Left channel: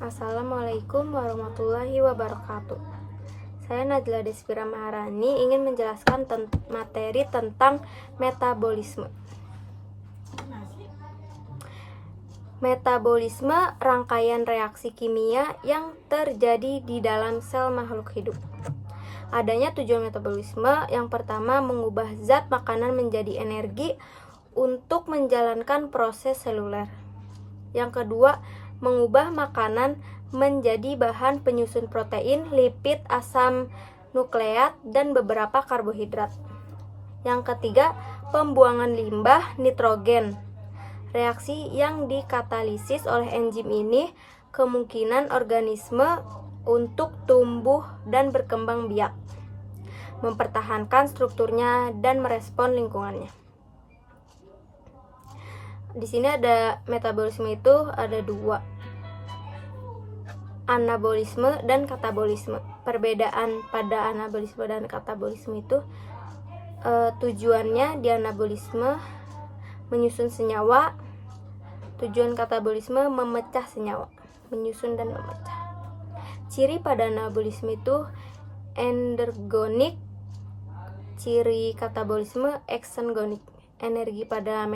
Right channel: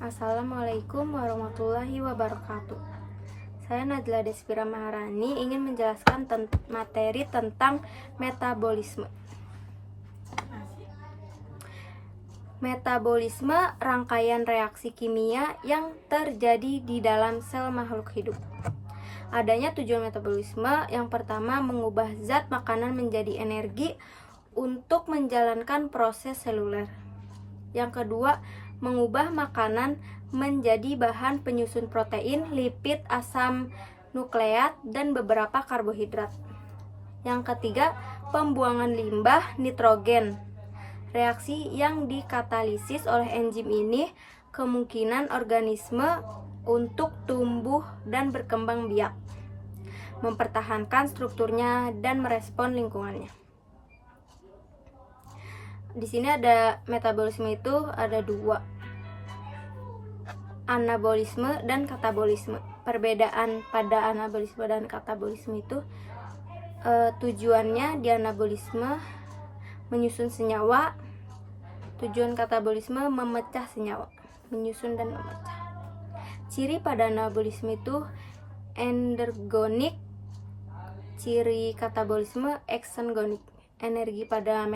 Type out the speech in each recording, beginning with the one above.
Assalamualaikum warahmatullahi wabarakatuh. Saya Najla Desvira Maharani ingin menjelaskan materi tentang metabolisme. Metabolisme rangkaian reaksi kimia yang terjadi di dalam sel makhluk hidup. Adanya tujuan metabolisme: yang pertama, mengubah zat makanan menjadi energi untuk menjalankan proses seluler. Yang kedua, mengubah makanan menjadi bahan penyusun protein, lipid, asam nukleat, dan beberapa karbohidrat. Yang ketiga, pembuangan limbah nitrogen. Reaksi yang dikatalisis oleh enzim ini kemungkinan organisme untuk tumbuh dan berkembang biak, mempertahankan strukturnya, dan merespon lingkungannya. Di sini ada metabolisme itu ada dua, anabolisme dan katabolisme. Perbedaan pada anabolisme dan katabolisme itu tujuannya di anabolisme menyusun senyawa, tujuan katabolisme memecah senyawa, menyusun dan memecah. Ciri pada anabolisme itu endergonik, ciri katabolisme exergonik. Energi pada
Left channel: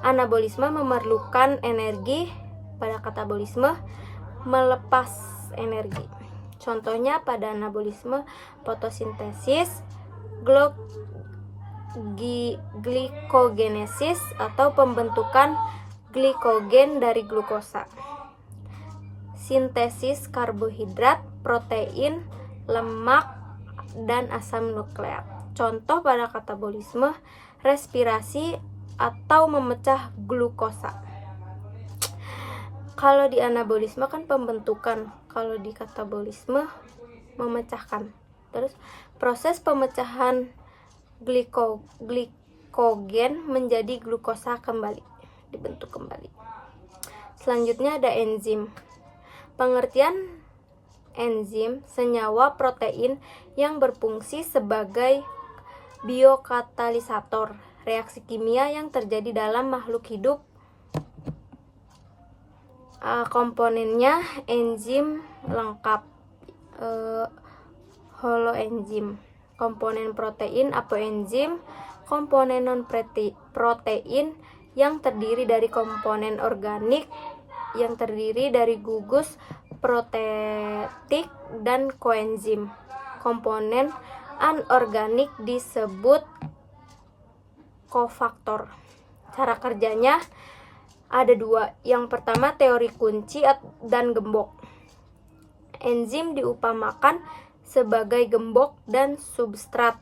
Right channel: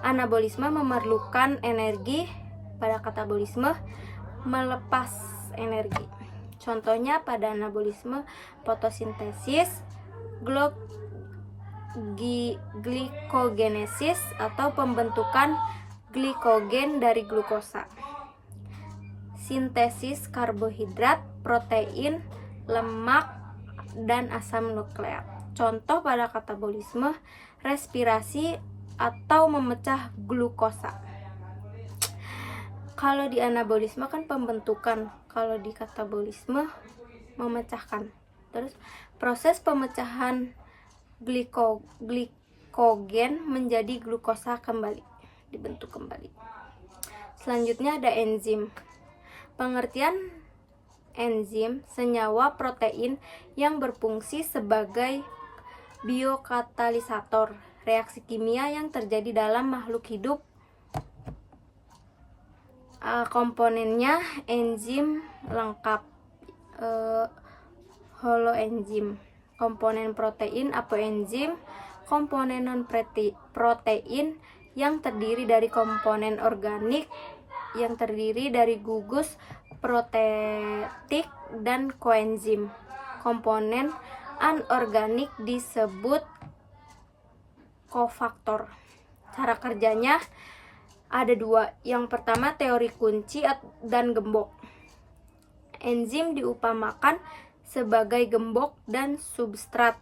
anabolisme memerlukan energi, pada katabolisme melepas energi. Contohnya pada anabolisme fotosintesis, glikogenesis atau pembentukan glikogen dari glukosa, sintesis karbohidrat, protein, lemak, dan asam nukleat. Contoh pada katabolisme respirasi atau memecah glukosa. Kalau di anabolisme kan pembentukan, kalau di katabolisme memecahkan. Terus proses pemecahan glikogen menjadi glukosa kembali, dibentuk kembali. Selanjutnya ada enzim. Pengertian enzim: senyawa protein yang berfungsi sebagai biokatalisator reaksi kimia yang terjadi dalam makhluk hidup. Komponennya enzim lengkap, holoenzim. Komponen protein apoenzim, komponen non-protein yang terdiri dari komponen organik yang terdiri dari gugus protetik dan koenzim. Komponen anorganik disebut kofaktor. Cara kerjanya ada dua. Yang pertama, teori kunci dan gembok. Enzim diupamakan sebagai gembok dan substrat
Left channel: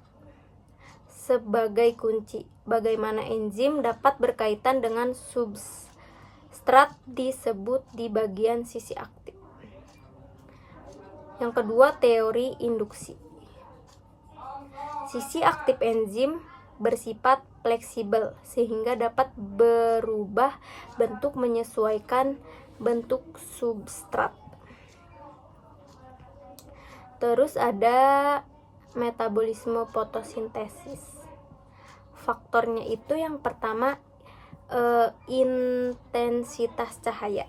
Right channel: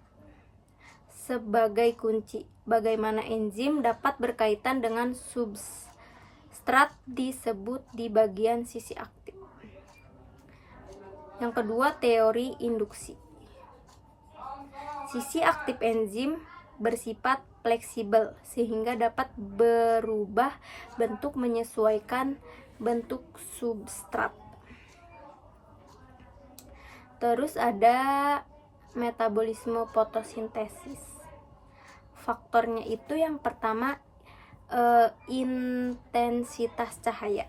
sebagai kunci. Bagaimana enzim dapat berkaitan dengan substrat disebut di bagian sisi aktif. Yang kedua, teori induksi. Sisi aktif enzim bersifat fleksibel sehingga dapat berubah bentuk menyesuaikan bentuk substrat. Terus ada metabolisme fotosintesis. Faktornya itu yang pertama intensitas cahaya.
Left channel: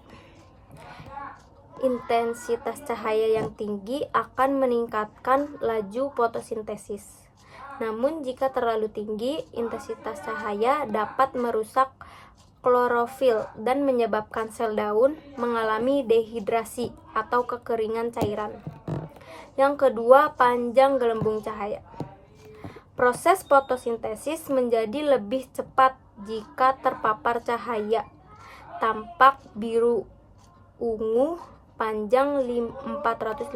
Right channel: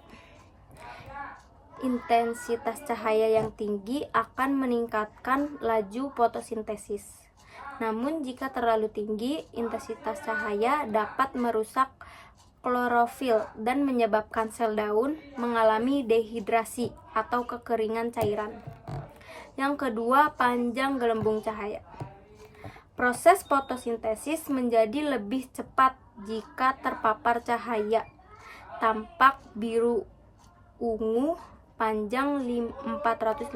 Intensitas cahaya yang tinggi akan meningkatkan laju fotosintesis. Namun jika terlalu tinggi, intensitas cahaya dapat merusak klorofil dan menyebabkan sel daun mengalami dehidrasi atau kekeringan cairan. Yang kedua, panjang gelembung cahaya. Proses fotosintesis menjadi lebih cepat jika terpapar cahaya tampak biru ungu panjang 450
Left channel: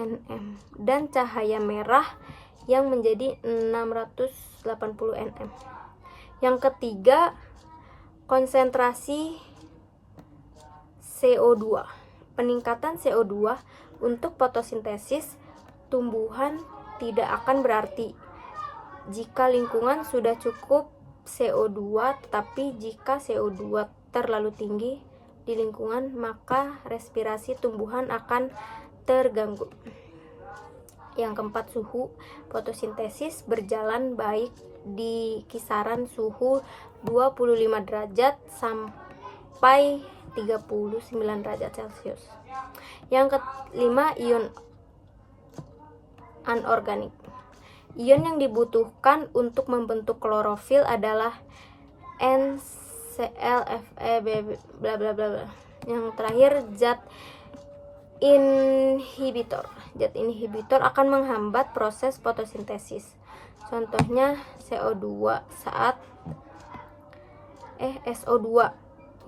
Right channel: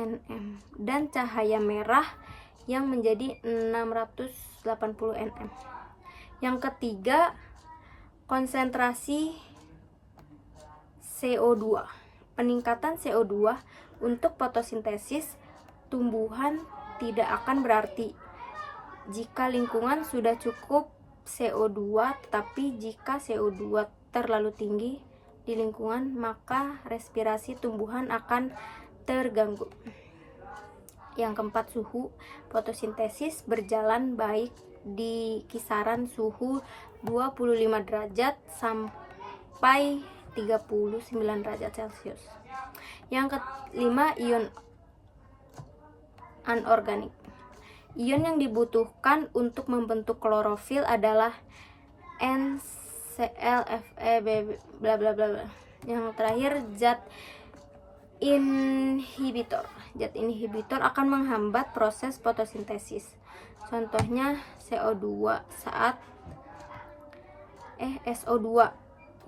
nm dan cahaya merah yang menjadi 680 nm. Yang ketiga, konsentrasi CO2. Peningkatan CO2 untuk fotosintesis tumbuhan tidak akan berarti jika lingkungan sudah cukup CO2, tetapi jika CO2 terlalu tinggi di lingkungan, maka respirasi tumbuhan akan terganggu. Yang keempat, suhu. Fotosintesis berjalan baik di kisaran suhu 25 derajat sampai 39 derajat Celcius. Yang kelima, ion anorganik. Ion yang dibutuhkan untuk membentuk klorofil adalah NCl, bla bla bla bla. Yang terakhir, zat inhibitor. Zat inhibitor akan menghambat proses fotosintesis. Contohnya SO2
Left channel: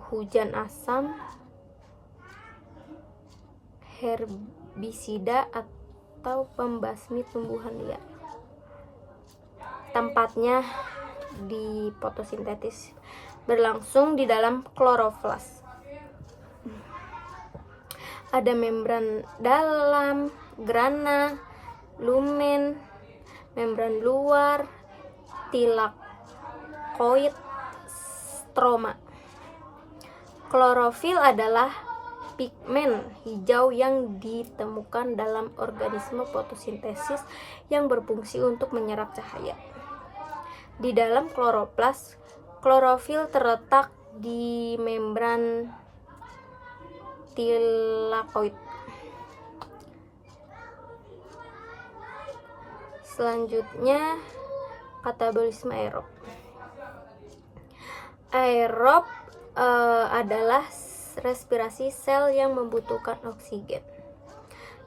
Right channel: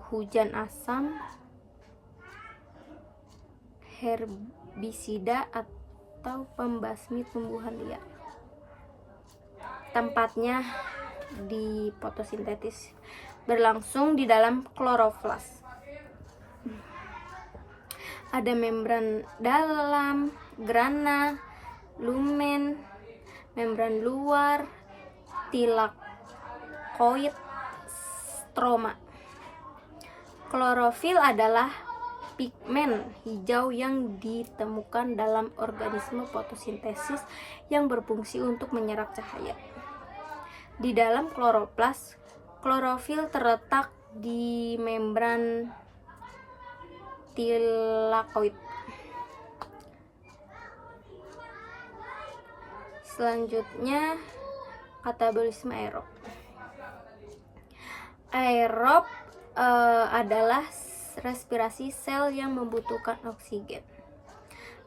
hujan asam, herbisida atau pembasmi tumbuhan liar. Tempatnya di fotosintesis berlangsung di dalam kloroflas. Ada membran dalam, grana, lumen, membran luar, tilakoid, stroma. Klorofil adalah pigmen hijau yang ditemukan dalam organisme fotosintesis yang berfungsi untuk menyerap cahaya. Di dalam kloroplas, klorofil terletak di membran tilakoid. Selanjutnya, katabolisme aerob. Aerob adalah respirasi sel yang membutuhkan oksigen.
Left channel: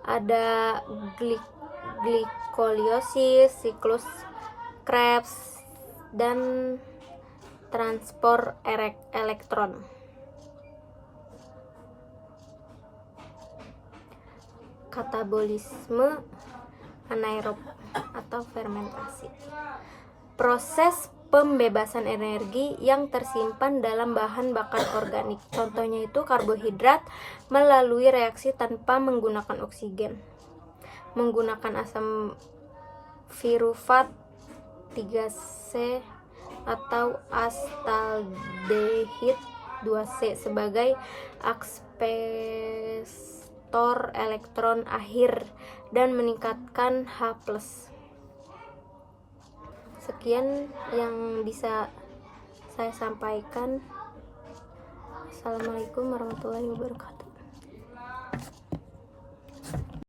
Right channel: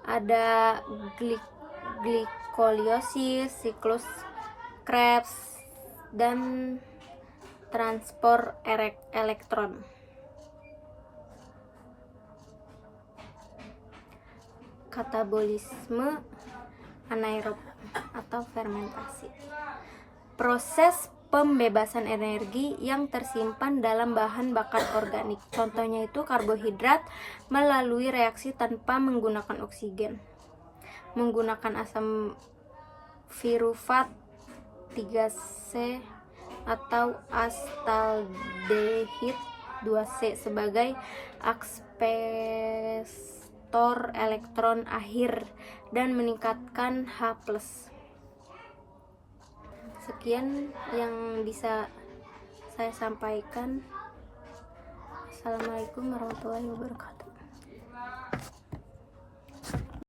Ada glikolisis, siklus Krebs, dan transport elektron. Katabolisme anaerob atau fermentasi. Proses pembebasan energi yang tersimpan dalam bahan bakar organik. Contohnya itu karbohidrat melalui reaksi tanpa menggunakan oksigen. Menggunakan asam pirufat 3C atau astaldehid 2C sebagai aksetor elektron akhir dan meningkatkan H+. Sekian yang bisa saya sampaikan. Assalamualaikum warahmatullahi wabarakatuh.